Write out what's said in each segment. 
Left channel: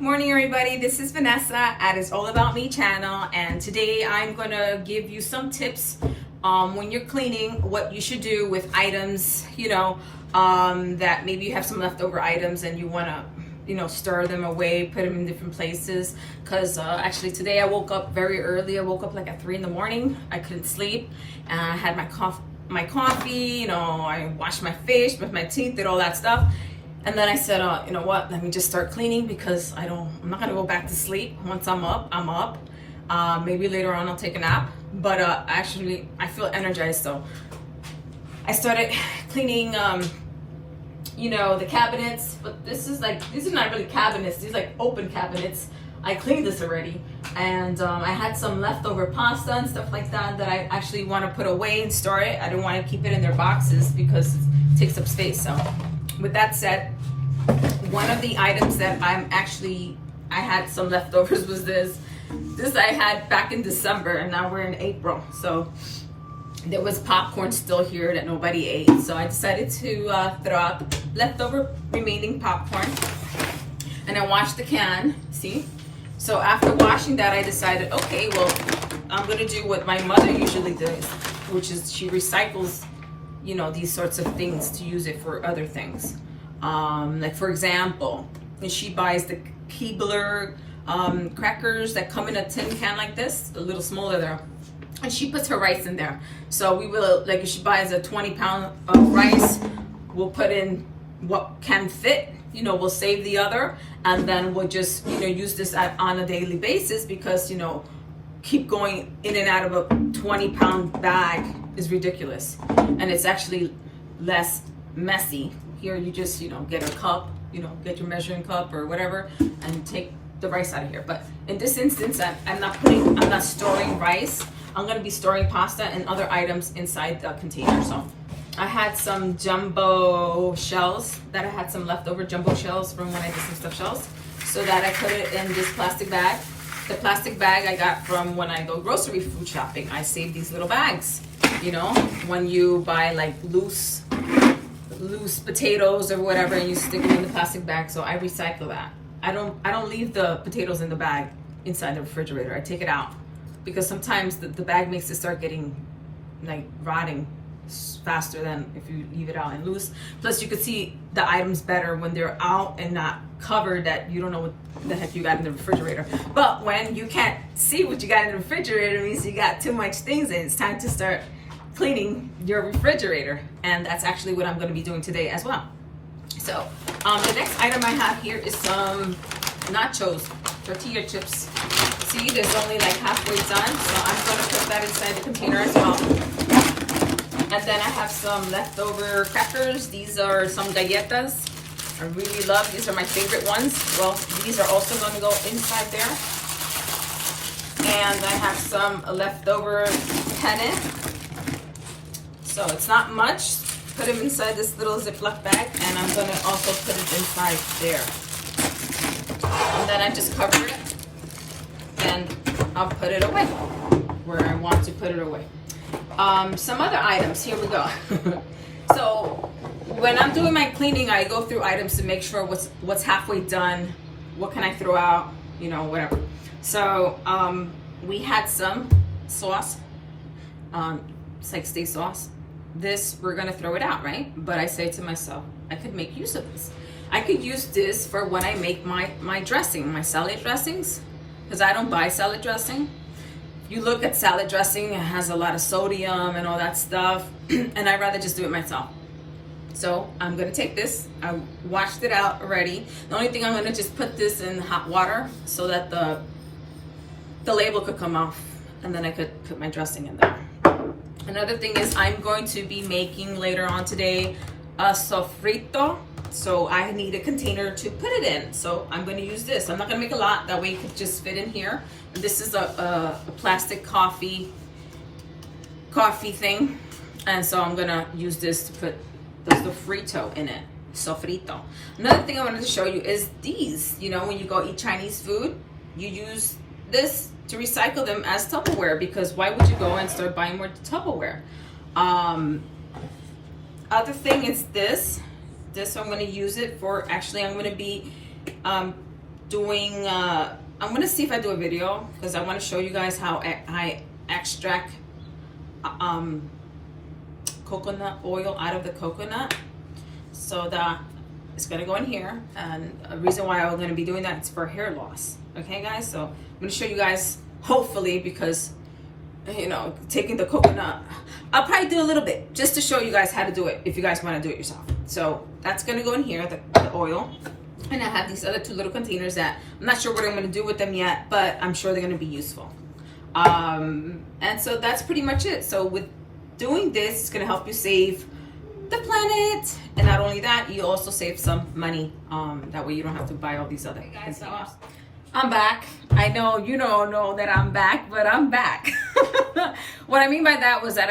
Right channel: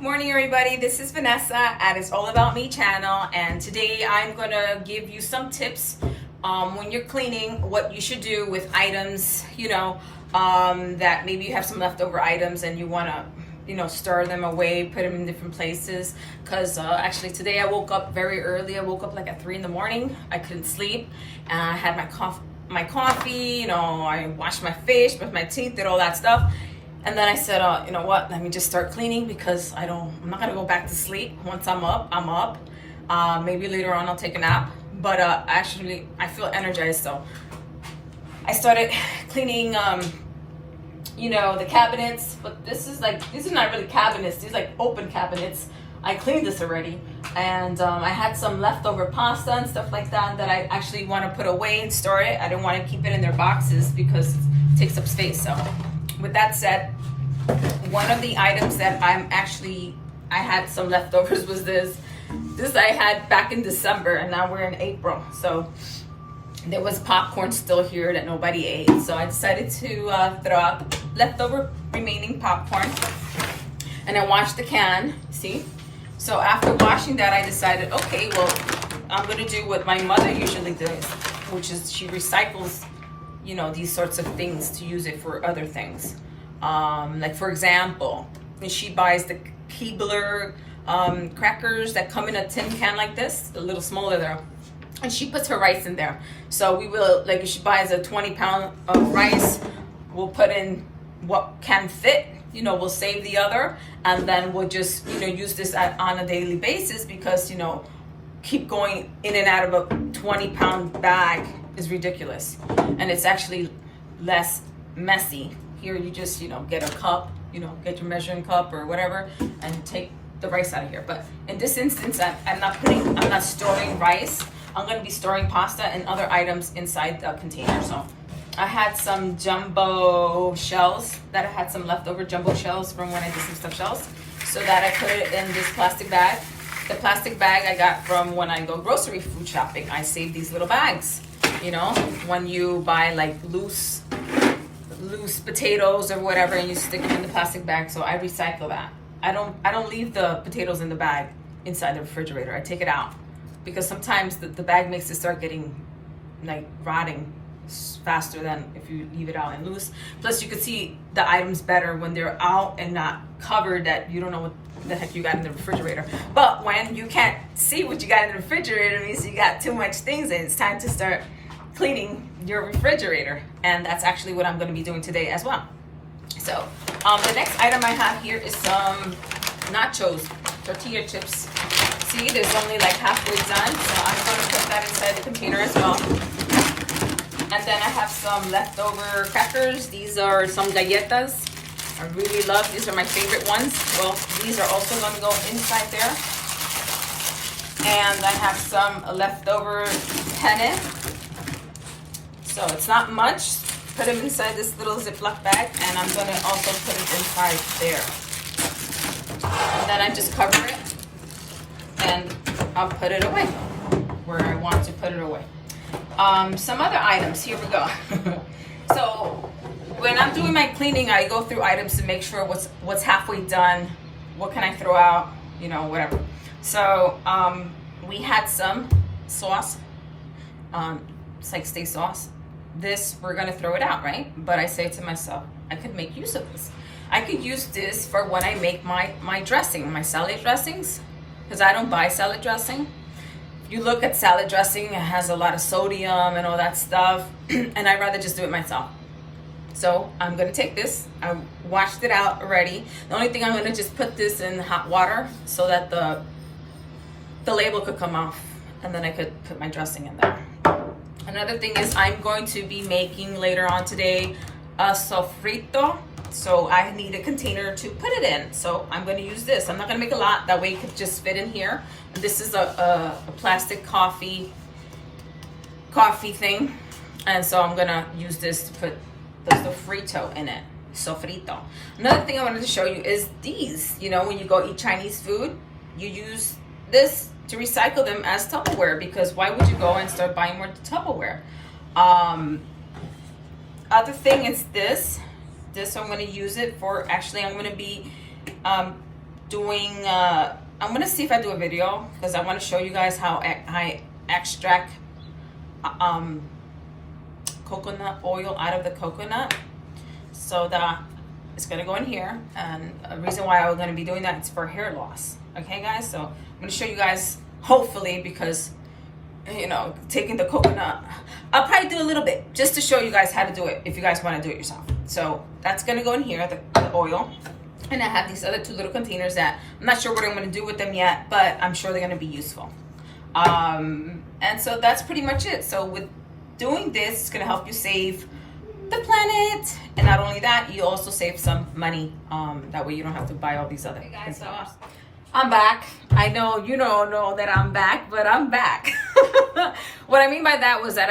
Morning everybody, this is Vanessa at It's All About Me channel, and today I'm going to give you some tips when you're cleaning, what you should do with items, that maybe you have some leftover items and you want to store them away, put them in different places. Because actually today I woke up very early. I woke up like at 3 in the morning. I couldn't sleep, and I had my coffee, I washed my face, brushed my teeth, did all that stuff. And then I said, you know what, let me just start cleaning, because I'm not gonna go back to sleep. Once I'm up, I'm up. Maybe later on I'll take a nap, but actually I feel energized. So I started cleaning, the cabinets, but these are not really cabinets, these are like open cabinets. I cleaned this already, and I had some leftover pasta and stuff like that I actually want to put away and store it. I don't want to keep it in their boxes because it takes up space. So with that said, one of the items that I had some leftovers was this. This I had back in December, and now we're in April. So there was popcorn still here that nobody ate. So I decided to throw out the leftover remaining popcorn, and I washed the can, see? So after washing that, I decided, okay, well, I'm gonna do what my mother usually does, which is she recycles these sorts of things to use it for other things. Like for example, she buys the Keebler crackers that come in a tin can like this, a little smaller there, and she puts her rice in there. So we will, like if she buys a 20-pound of rice, we'll put in what can fit, we'll save the other, and then we'll just use this on a daily basis, because keep going in and out of a 20-pound bag is ridiculous, and it's actually less messy. Here you just get a cup, get your measuring cup or whatever, and take the rice out of here. But in this instance, I'm not storing rice. I'm going to be storing pasta and other items inside the container. So I had some jumbo shells that I had some leftover jumbo shells from when I did some stuffed shells, so that I put it in this plastic bag. The plastic bag I got from when I go grocery food shopping. I save these little bags. When you buy like loose potatoes or whatever, and you stick them in the plastic bag. So I recycle that. I don't leave the potatoes in the bag inside the refrigerator. I take it out, because sometimes the bag makes it start getting like rotting faster than if you leave it out and loose. Plus you could see the items better when they're out and not covered, that you don't know what the heck you got in the refrigerator. But when you can't see what you got in the refrigerator, it means you got too much things, and it's time to start cleaning your refrigerator. And that's actually what I'm going to be doing today as well. So the next item I have here is some nachos, tortilla chips. See, there's only like halfway done, so I'm going to put that inside the container as well. And then I have some leftover crackers. These are some galletas. I really love, these are my favorite ones. Well, these are also going to go inside there. And I have some leftover penne. So it's not much. Put them inside this little Ziploc bag, and I'm going to also put it inside there. And then I just cover it, and I'll put it away where I want to put it away. Some other items, here we go. So when I'm doing my cleaning, I go through items to make sure what's halfway done, what can I throw out, whatever. So we had some sauce, it's like steak sauce. This, we're gonna throw it out, right? But I say to myself, I could make use of this. I could use this for when I make my dressing, my salad dressings, because I don't buy salad dressing. You look at salad dressing, it has a lot of sodium and all that stuff, and I'd rather just do it myself. So I'm gonna take this, I washed it out already. The only thing, I'm gonna just put this in hot water so that the label could come off, and then I could put my dressing in there. Another thing is, I'm going to be making later on today a sofrito. So I need a container to put it in. So I'm going to use this. I'm not going to make a lot. That way it could just fit in here. This is a plastic coffee thing. And so I'm going to use this to put the sofrito in it. Sofrito. Another thing I wanted to show you is these. When you go eat Chinese food, you use this to recycle them as Tupperware, because why would you go and start buying more Tupperware? Other thing is this I'm going to use it for, actually I'm going to be doing, I'm gonna see if I do a video because I want to show you guys how I extract coconut oil out of the coconut. So that it's gonna go in here, and a reason why I'm gonna be doing that is for hair loss. Okay, guys. So I'm gonna show you guys, hopefully, because you know, taking the coconut, I'll probably do a little bit just to show you guys how to do it if you guys want to do it yourself. So that's gonna go in here, the oil. And I have these other 2 little containers that I'm not sure what I'm going to do with them yet, but I'm sure they're going to be useful. And so that's pretty much it. So with doing this, it's going to help you save the planet. And not only that, you also save some money. That way you don't have to buy all these other things. So I'm back. I know you don't know that I'm back, but I'm back. What I mean by that was that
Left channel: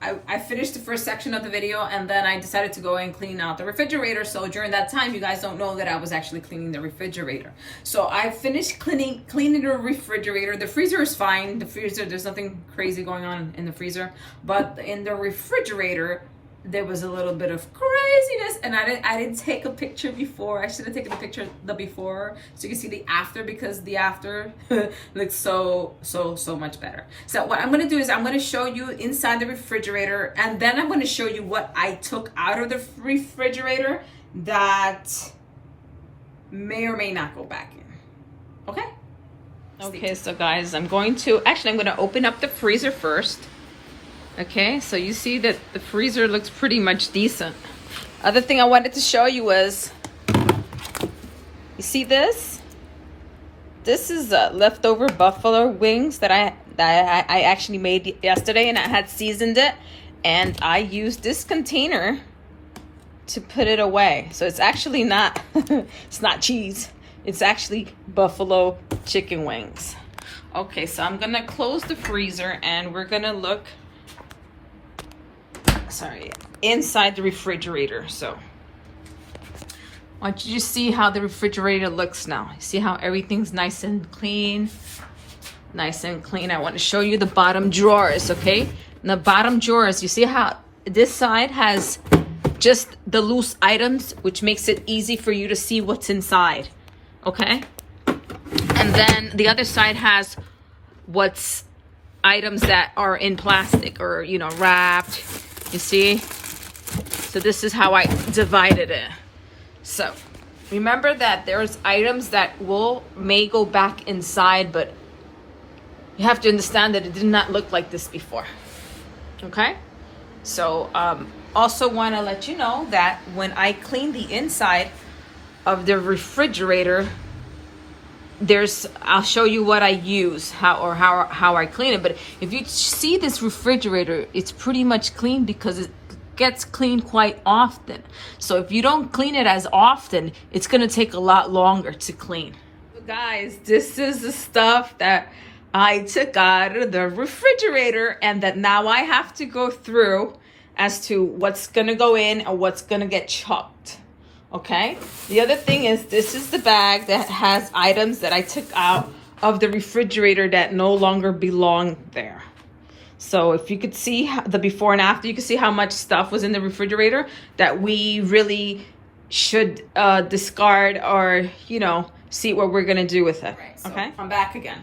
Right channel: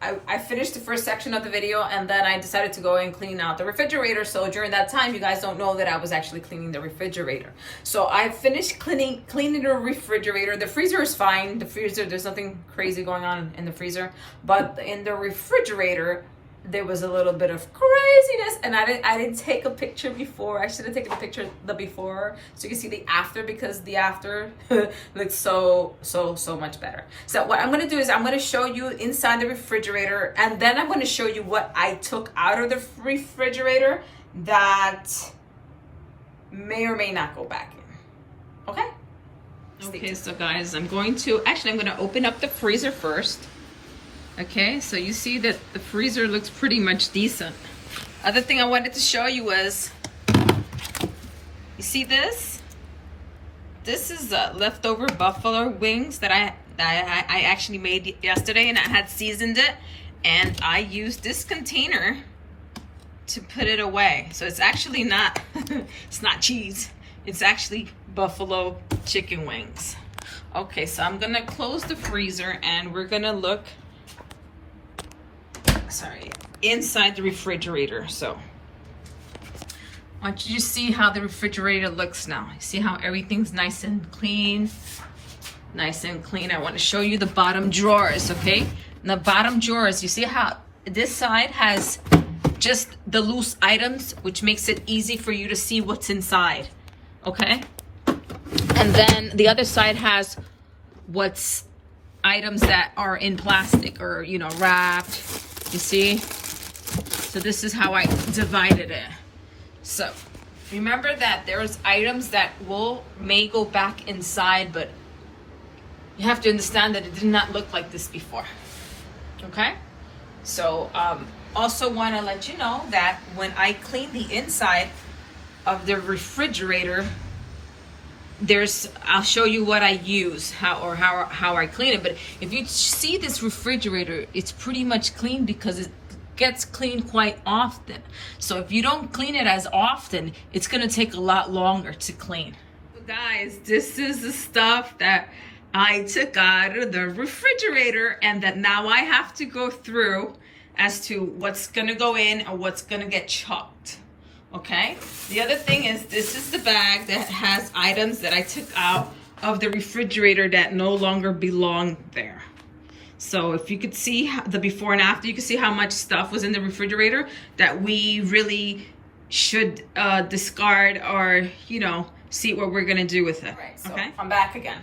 I finished the first section of the video, and then I decided to go and clean out the refrigerator. So during that time, you guys don't know that I was actually cleaning the refrigerator. So I finished cleaning the refrigerator. The freezer is fine. The freezer, there's nothing crazy going on in the freezer, but in the refrigerator, there was a little bit of craziness, and I didn't take a picture before. I should have taken a picture of the before so you can see the after, because the after looks so much better. So what I'm going to do is I'm going to show you inside the refrigerator, and then I'm going to show you what I took out of the refrigerator that may or may not go back in. Okay, so guys, I'm going to open up the freezer first. Okay, so you see that the freezer looks pretty much decent. Other thing I wanted to show you was, you see this? This is leftover buffalo wings that I actually made yesterday, and I had seasoned it, and I used this container to put it away. So it's actually not, it's not cheese. It's actually buffalo chicken wings. Okay, so I'm gonna close the freezer, and we're gonna look inside the refrigerator. So I want you to see how the refrigerator looks now. See how everything's nice and clean. I want to show you the bottom drawers. Okay, and the bottom drawers, you see how this side has just the loose items, which makes it easy for you to see what's inside. Okay, and then the other side has what's items that are in plastic or, you know, wrapped. You see? So this is how I divided it. So remember that there's items that may go back inside, but you have to understand that it did not look like this before. Okay? So also want to let you know that when I clean the inside of the refrigerator, I'll show you what I use, how I clean it. But if you see this refrigerator, it's pretty much clean because it gets cleaned quite often. So if you don't clean it as often, it's going to take a lot longer to clean. So guys, this is the stuff that I took out of the refrigerator, and that now I have to go through as to what's going to go in and what's going to get chucked. Okay, the other thing is, this is the bag that has items that I took out of the refrigerator that no longer belong there. So if you could see the before and after, you can see how much stuff was in the refrigerator that we really should discard, or, you know, see what we're gonna do with it. Right, so okay, I'm back again.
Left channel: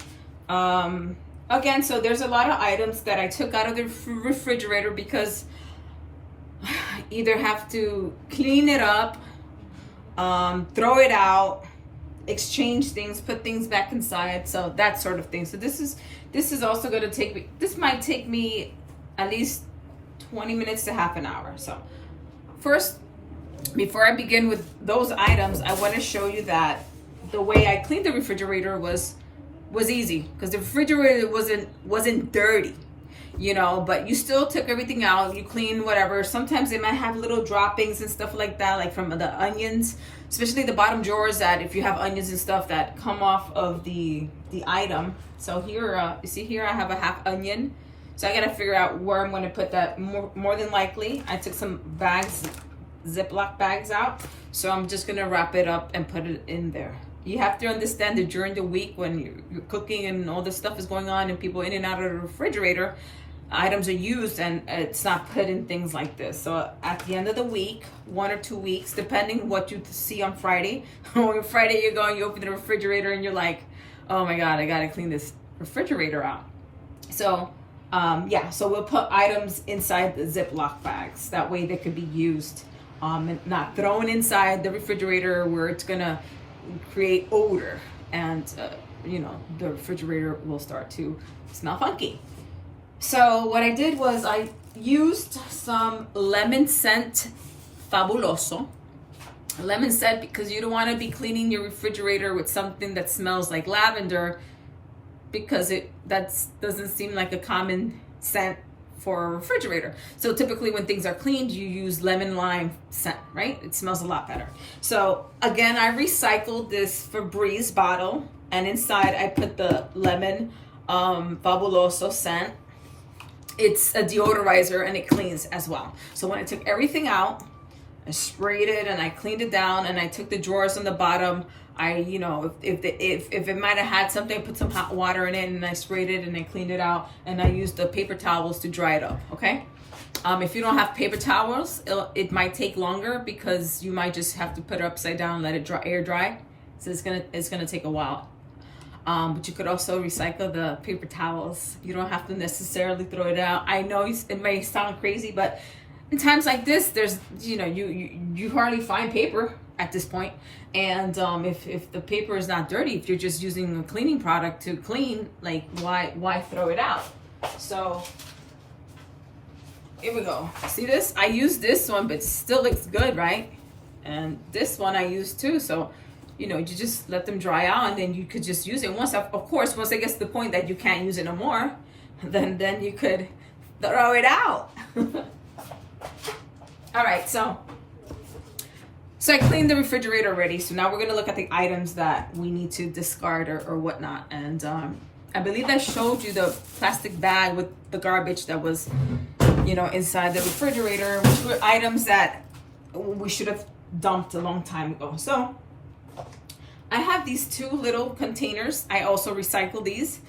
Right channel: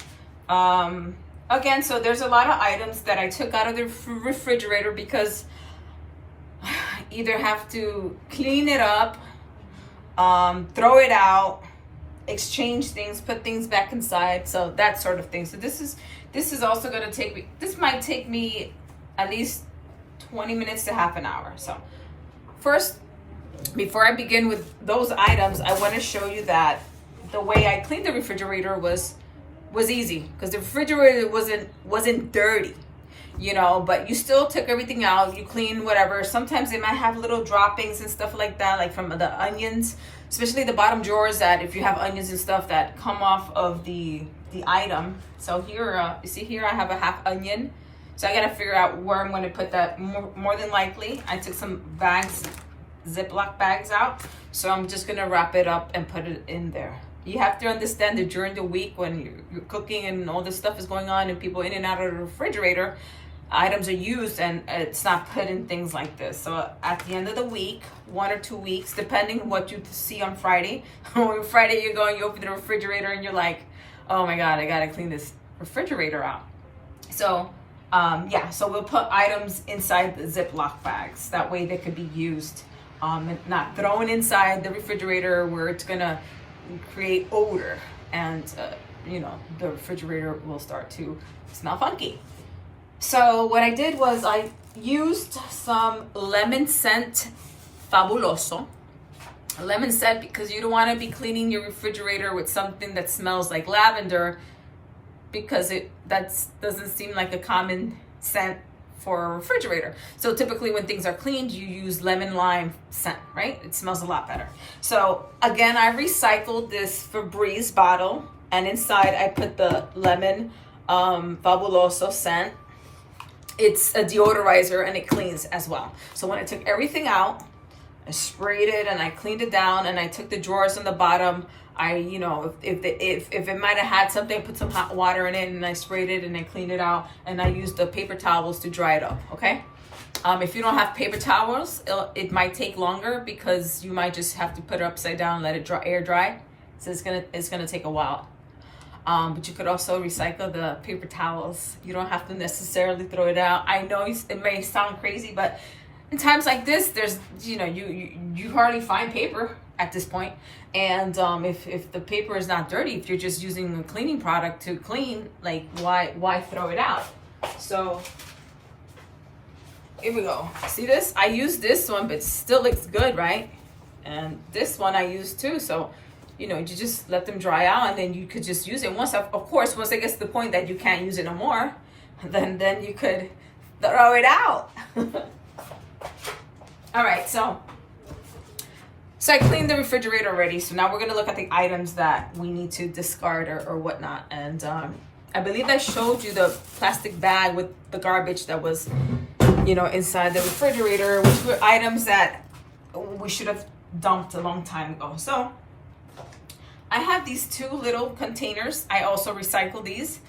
Again, so there's a lot of items that I took out of the refrigerator because I either have to clean it up, throw it out, exchange things, put things back inside, so that sort of thing. So this is also going to take me, this might take me at least 20 minutes to half an hour. So first, before I begin with those items, I want to show you that the way I cleaned the refrigerator was easy, because the refrigerator wasn't dirty, you know, but you still took everything out, you clean whatever. Sometimes they might have little droppings and stuff like that, like from the onions, especially the bottom drawers, that if you have onions and stuff that come off of the item. So here, you see here I have a half onion, so I gotta figure out where I'm gonna put that. More than likely, I took some bags, Ziploc bags out, so I'm just gonna wrap it up and put it in there. You have to understand that during the week when you're cooking and all this stuff is going on and people in and out of the refrigerator, items are used and it's not put in things like this. So at the end of the week, 1 or 2 weeks, depending what you see on Friday, or Friday you're going, you open the refrigerator and you're like, oh my God, I gotta clean this refrigerator out. So yeah, so we'll put items inside the Ziploc bags. That way they could be used, and not thrown inside the refrigerator where it's gonna create odor and you know, the refrigerator will start to smell funky. So what I did was I used some lemon scent Fabuloso. Lemon scent, because you don't want to be cleaning your refrigerator with something that smells like lavender, because doesn't seem like a common scent for a refrigerator. So typically when things are cleaned, you use lemon lime scent, right? It smells a lot better. So again, I recycled this Febreze bottle, and inside I put the lemon Fabuloso scent. It's a deodorizer and it cleans as well. So when I took everything out, I sprayed it and I cleaned it down, and I took the drawers on the bottom. I, you know, if it might have had something, I put some hot water in it and I sprayed it and I cleaned it out, and I used the paper towels to dry it up, okay? If you don't have paper towels, it might take longer because you might just have to put it upside down and let it air dry. So it's gonna take a while. But you could also recycle the paper towels. You don't have to necessarily throw it out. I know it may sound crazy, but in times like this, there's, you know, you hardly find paper at this point. And if the paper is not dirty, if you're just using a cleaning product to clean, like why throw it out? So here we go. See this? I used this one, but it still looks good, right? And this one I used too. So, you know, you just let them dry out, and then you could just use it. Once it gets to the point that you can't use it no more, then you could throw it out. All right, so I cleaned the refrigerator already. So now we're gonna look at the items that we need to discard or whatnot. And I believe I showed you the plastic bag with the garbage that was, you know, inside the refrigerator, which were items that we should have dumped a long time ago. So I have these 2 little containers. I also recycle these.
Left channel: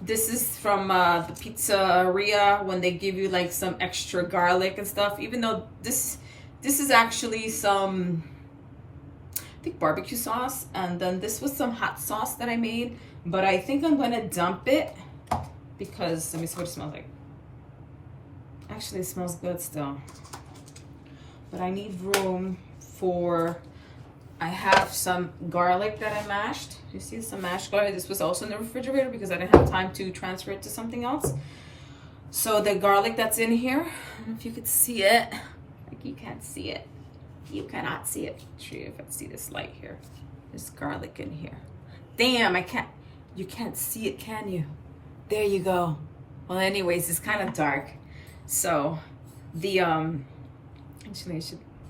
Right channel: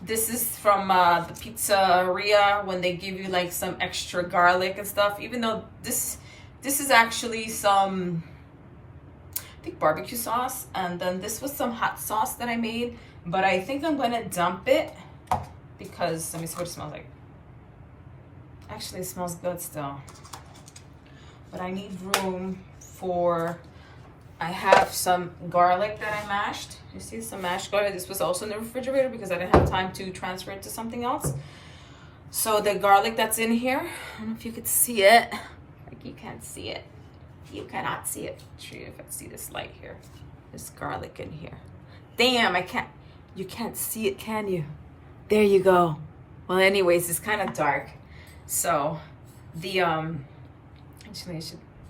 This is from the pizzeria when they give you like some extra garlic and stuff, even though this is actually some, I think, barbecue sauce, and then this was some hot sauce that I made, but I think I'm gonna dump it because, let me see what it smells like. Actually, it smells good still, but I need room for, I have some garlic that I mashed. You see some mashed garlic. This was also in the refrigerator because I didn't have time to transfer it to something else. So the garlic that's in here, I don't know if you could see it. Like, you can't see it. You cannot see it. I'll show you if I see this light here. There's garlic in here. Damn, you can't see it, can you? There you go. Well, anyways, it's kind of dark. So the, actually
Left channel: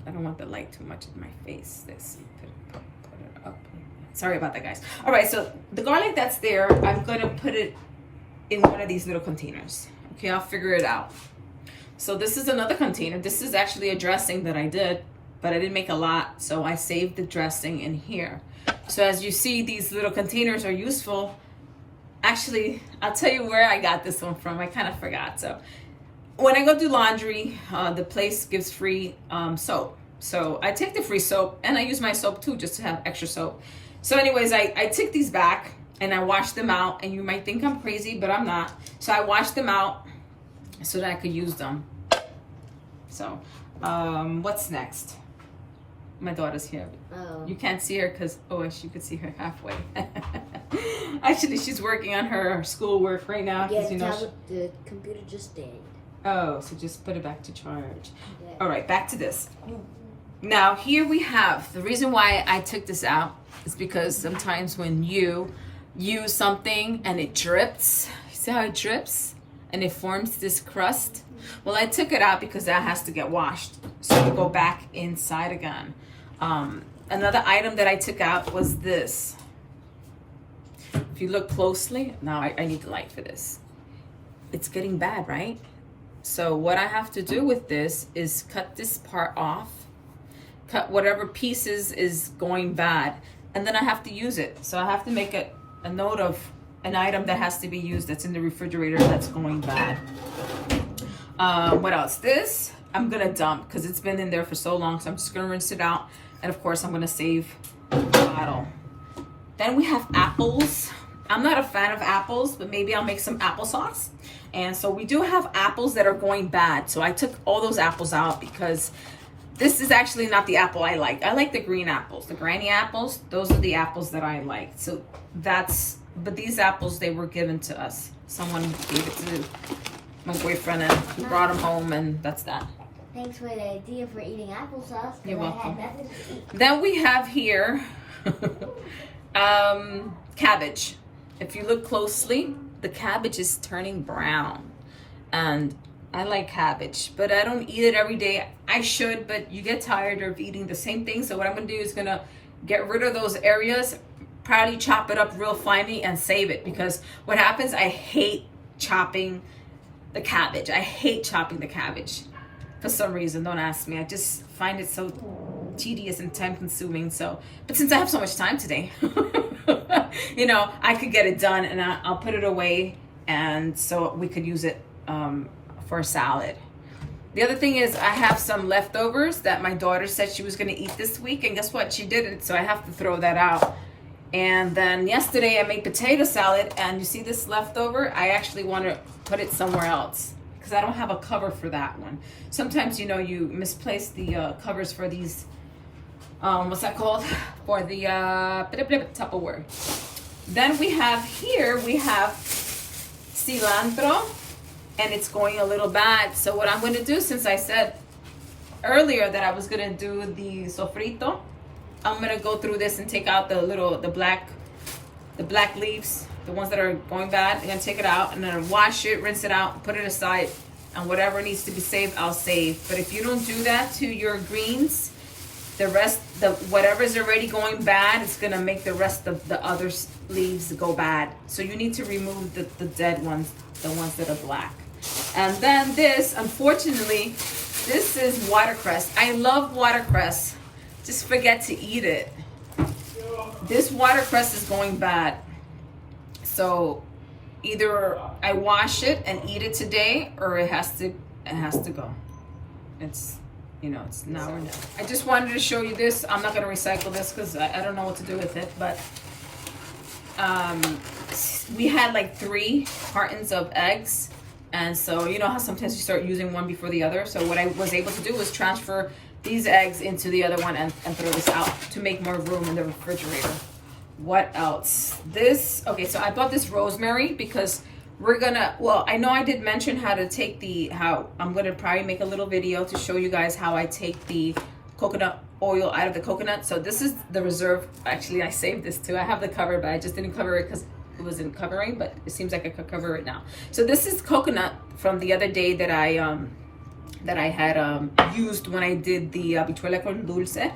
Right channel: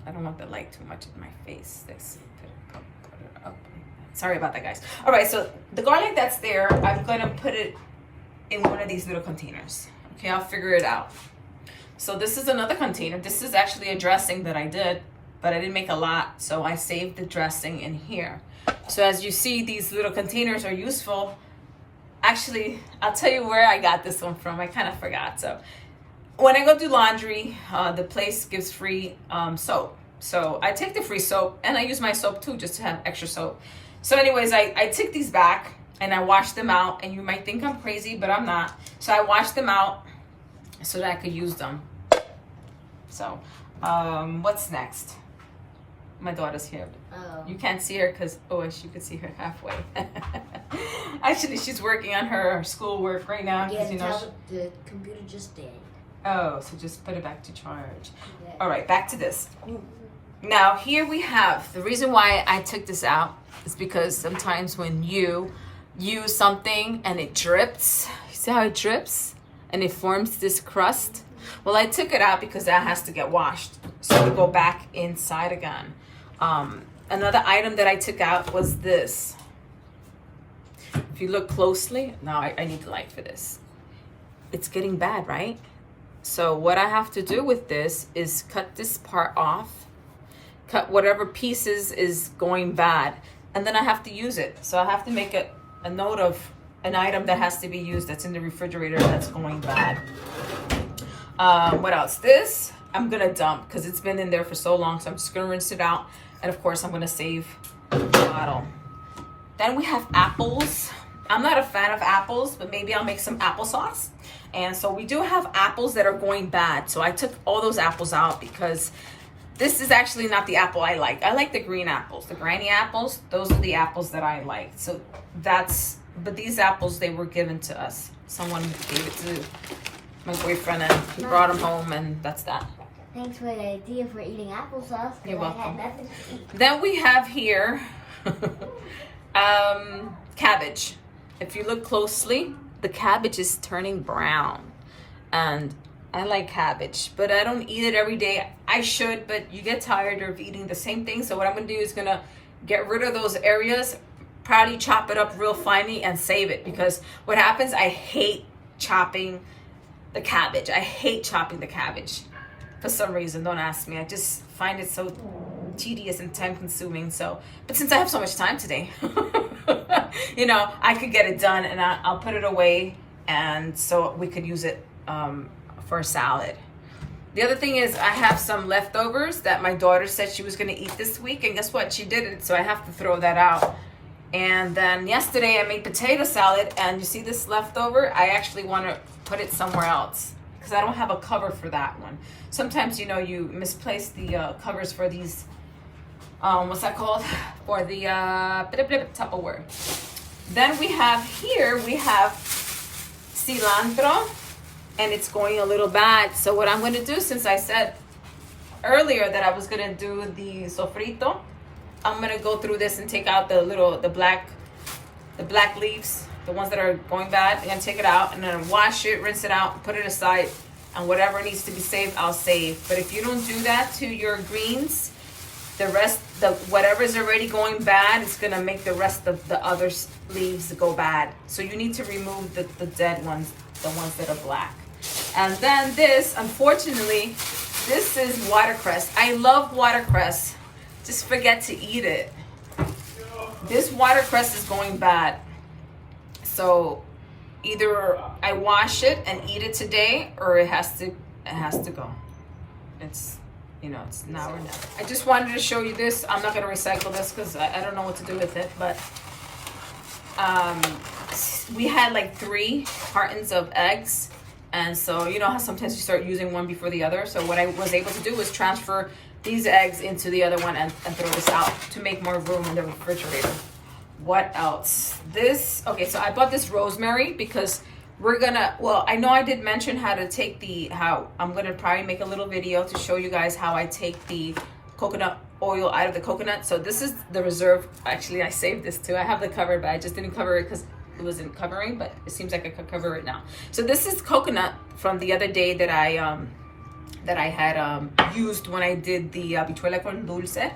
I don't want the light too much in my face. Let's put it up. Sorry about that, guys. All right, so the garlic that's there, I'm gonna put it in one of these little containers. Okay, I'll figure it out. So this is another container. This is actually a dressing that I did, but I didn't make a lot, so I saved the dressing in here. So as you see, these little containers are useful. Actually, I'll tell you where I got this one from. I kind of forgot. So when I go do laundry, the place gives free soap. So I take the free soap and I use my soap too, just to have extra soap. So anyways, I took these back and I washed them out, and you might think I'm crazy, but I'm not. So I washed them out so that I could use them. So what's next? My daughter's here. You can't see her because, oh, I wish you could see her halfway. Actually, she's working on her schoolwork right now. Yeah, you know, the computer just died. Oh, so just put it back to charge. Yeah. All right, back to this. Now, here we have, the reason why I took this out is because sometimes when you use something and it drips, you see how it drips? And it forms this crust? Well, I took it out because that has to get washed. So it'll go back inside again. Another item that I took out was this. If you look closely, now I need the light for this. It's getting bad, right? So what I have to do with this is cut this part off, cut whatever pieces is going bad, and then I have to use it. So I have to make a note of an item that has to be used that's in the refrigerator that's going bad. What else? This I'm gonna dump because it's been in there for so long. So I'm just gonna rinse it out. And of course I'm gonna save the bottle. Then we have apples. I'm not a fan of apples, but maybe I'll make some applesauce. And so we do have apples that are going bad. So I took all those apples out because this is actually not the apple I like. I like the green apples, the granny apples. Those are the apples that I like. So but these apples, they were given to us. Someone gave it to my boyfriend and he brought them home, and that's that. Thanks for the idea for eating applesauce. You're welcome. I had nothing to eat. Then we have here cabbage. If you look closely, the cabbage is turning brown. And I like cabbage, but I don't eat it every day. I should, but you get tired of eating the same thing. So what I'm gonna do is gonna get rid of those areas, probably chop it up real finely and save it, because what happens, I hate chopping the cabbage. I hate chopping the cabbage for some reason. Don't ask me. I just find it so tedious and time consuming. So, but since I have so much time today, you know, I could get it done, and I'll put it away, and so we could use it for a salad. The other thing is I have some leftovers that my daughter said she was going to eat this week, and guess what? She didn't, so I have to throw that out. And then yesterday I made potato salad, and you see this leftover? I actually want to put it somewhere else because I don't have a cover for that one. Sometimes, you know, you misplace the covers for these, what's that called? For the Tupperware. Then we have cilantro, and it's going a little bad. So what I'm going to do, since I said earlier that I was going to do the sofrito, I'm going to go through this and take out the black leaves, the ones that are going bad. I'm going to take it out and then wash it, rinse it out, put it aside, and whatever needs to be saved, I'll save. But if you don't do that to your greens, the rest, whatever is already going bad, it's going to make the rest of the other leaves go bad. So you need to remove the dead ones, the ones that are black. And then this, unfortunately, this is watercress. I love watercress. Just forget to eat it. This watercress is going bad. So either I wash it and eat it today, or it has to go. It's, you know, it's now or never. I just wanted to show you this. I'm not gonna recycle this because I don't know what to do with it, but we had like 3 cartons of eggs. And so, you know how sometimes you start using one before the other. So what I was able to do was transfer these eggs into the other one and throw this out to make more room in the refrigerator. What else? Okay, so I bought this rosemary because we're gonna, well, I know I did mention how to take I'm gonna probably make a little video to show you guys how I take the coconut oil out of the coconut. So this is the reserve. Actually, I saved this too. I have the cover, but I just didn't cover it because it wasn't covering, but it seems like I could cover it now. So this is coconut from the other day that I had used when I did the habichuela con dulce.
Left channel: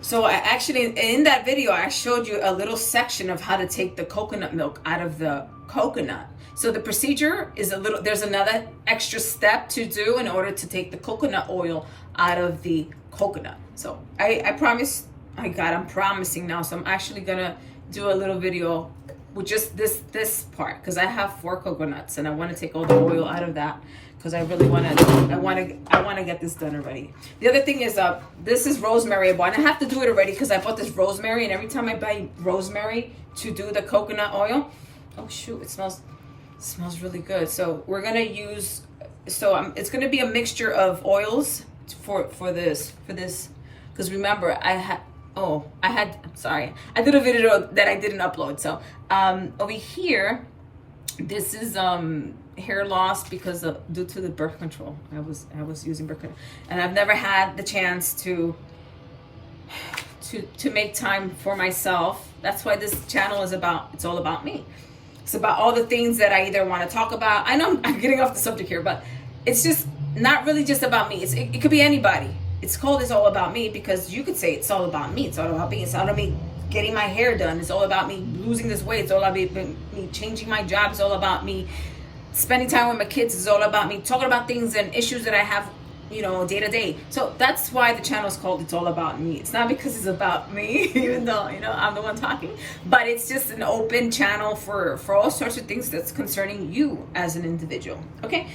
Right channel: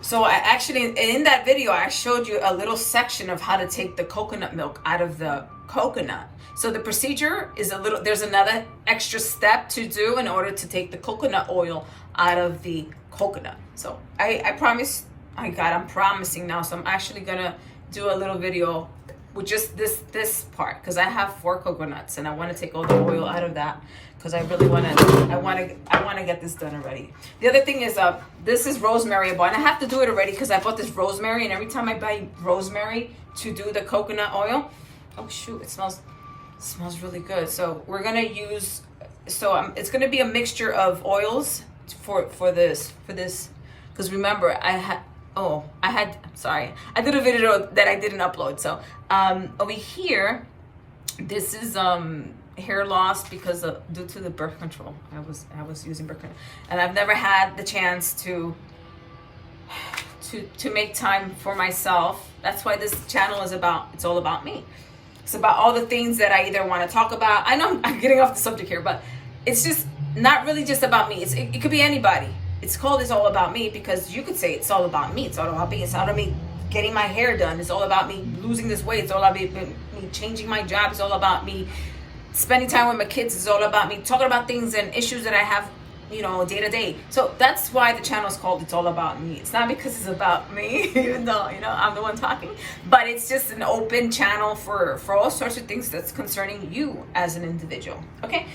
So I actually, in that video, I showed you a little section of how to take the coconut milk out of the coconut. So the procedure is there's another extra step to do in order to take the coconut oil out of the coconut. So I promise, I'm promising now. So I'm actually gonna do a little video with just this part, because I have 4 coconuts and I want to take all the oil out of that, because I really want to get this done already. The other thing is this is rosemary I bought, and I have to do it already because I bought this rosemary, and every time I buy rosemary to do the coconut oil, oh shoot, it smells really good. So we're gonna use, it's gonna be a mixture of oils for this, because remember I'm sorry, I did a video that I didn't upload. So over here, this is hair loss because due to the birth control. I was using birth control, and I've never had the chance to make time for myself. That's why this channel is it's all about me. It's about all the things that I either want to talk about. I know I'm getting off the subject here, but it's just not really just about me. It could be anybody. It's called It's All About Me because you could say it's all about me. It's all about me. It's all about me getting my hair done. It's all about me losing this weight. It's all about me changing my job. It's all about me spending time with my kids. It's all about me talking about things and issues that I have day to day. So that's why the channel is called It's All About Me. It's not because it's about me, even though I'm the one talking, but it's just an open channel for all sorts of things that's concerning you as an individual. Okay,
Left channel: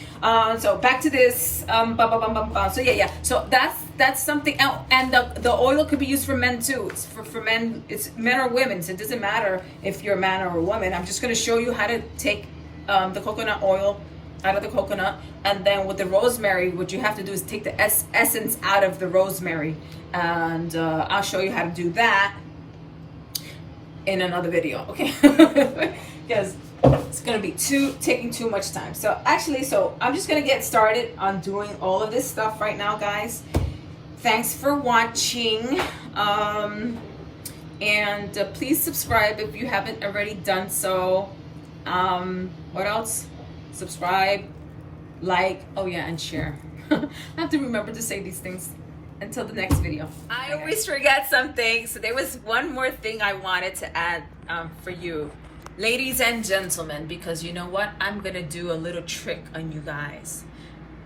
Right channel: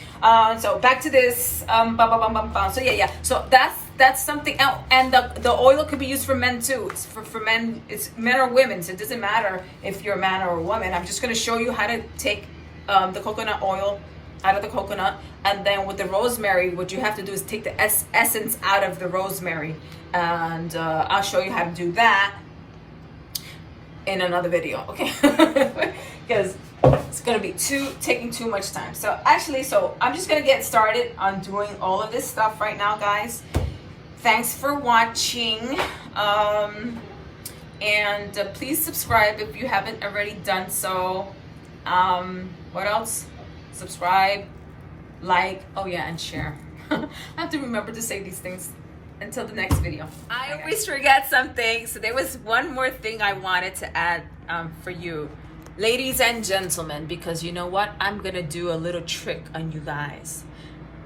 so back to this. So yeah. So that's something else. And the oil could be used for men too. It's for men. It's men or women. So it doesn't matter if you're a man or a woman. I'm just going to show you how to take the coconut oil out of the coconut, and then with the rosemary, what you have to do is take the essence out of the rosemary, and I'll show you how to do that in another video, okay? Because it's gonna be taking too much time. So I'm just gonna get started on doing all of this stuff right now, guys. Thanks for watching, and please subscribe if you haven't already done so. What else? Subscribe, like, oh yeah, and share. I have to remember to say these things until the next video. I always forget something, so there was one more thing I wanted to add for you, ladies and gentlemen, because you know what? I'm gonna do a little trick on you guys.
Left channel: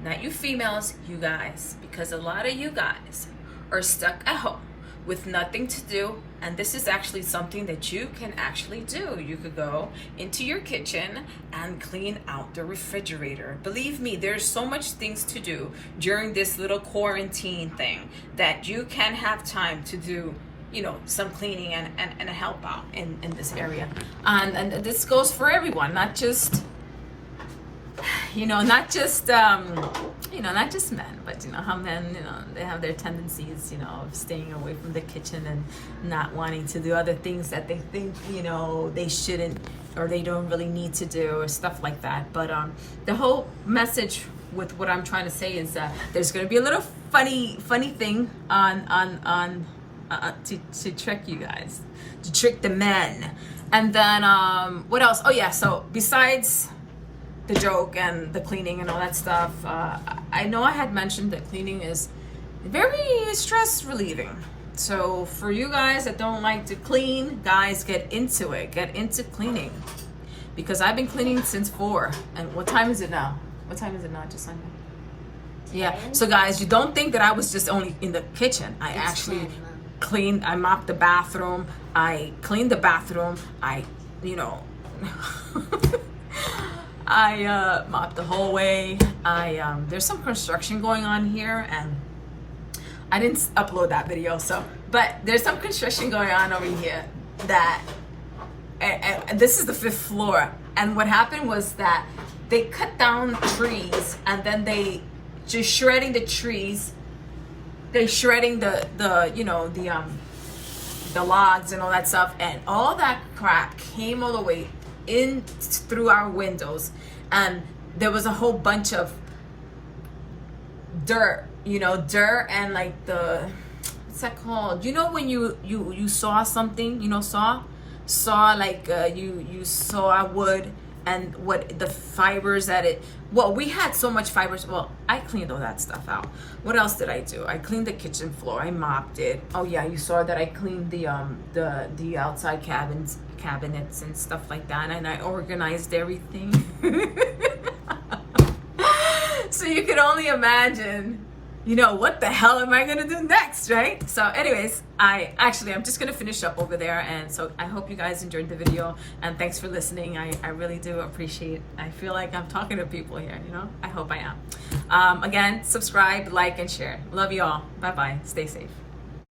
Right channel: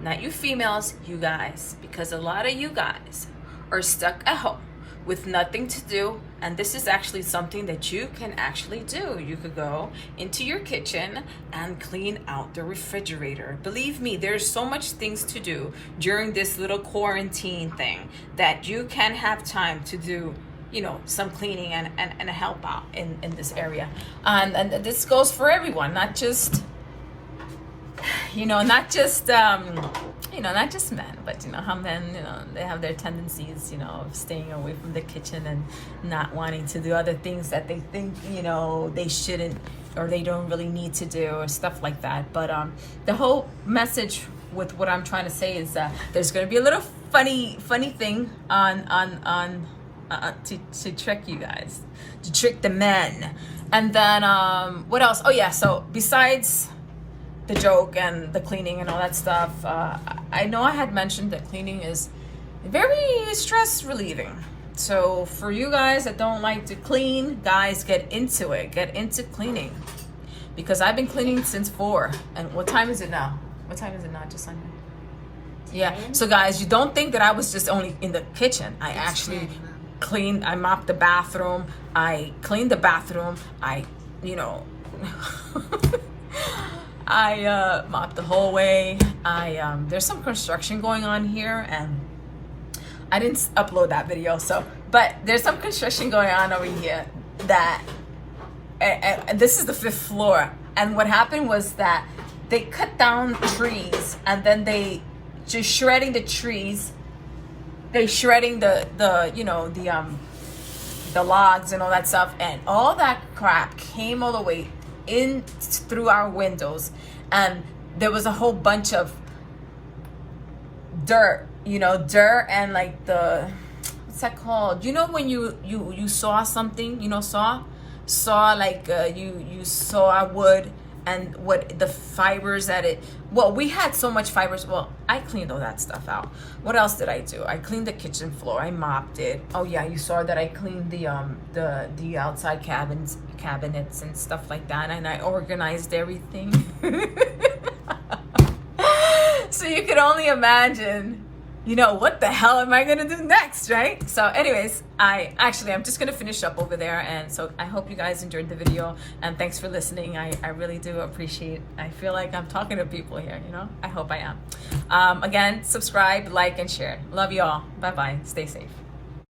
Not you females, you guys, because a lot of you guys are stuck at home with nothing to do, and this is actually something that you can actually do. You could go into your kitchen and clean out the refrigerator. Believe me, there's so much things to do during this little quarantine thing that you can have time to do, some cleaning and help out in this area. And this goes for everyone, not just not just men, but how men, they have their tendencies, of staying away from the kitchen and not wanting to do other things that they think, they shouldn't, or they don't really need to do, or stuff like that. But the whole message with what I'm trying to say is that there's going to be a little funny thing to trick you guys, to trick the men. And then what else? Oh yeah, so besides the joke and the cleaning and all that stuff, I know I had mentioned that cleaning is very stress relieving. So for you guys that don't like to clean, guys, get into it. Get into cleaning, because I've been cleaning since 4. And what time is it now? What time is it now, Jasanya? Yeah. So guys, you don't think that I was just only in the kitchen. I actually cleaned. I mopped the bathroom. I cleaned the bathroom. I mopped the whole way. There's some construction going on here, and I didn't upload that video, but there's some construction going on over here and this is the 5th floor. And what happened was that they cut down trees, and then they just shredding the trees. They shredding the logs and all that stuff, and all that crap came all the way in through our windows, and there was a whole bunch of dirt and like what's that called? When you saw something, saw like you saw wood, and what the fibers that it, well, we had so much fibers. Well, I cleaned all that stuff out. What else did I do? I cleaned the kitchen floor. I mopped it. Oh yeah, you saw that I cleaned the outside cabinets and stuff like that, and I organized everything. So you can only imagine, what the hell am I gonna do next, right? So anyways, I'm just gonna finish up over there, and so I hope you guys enjoyed the video, and thanks for listening. I really do appreciate. I feel like I'm talking to people here, I hope I am. Again, subscribe, like, and share. Love you all. Bye bye. Stay safe.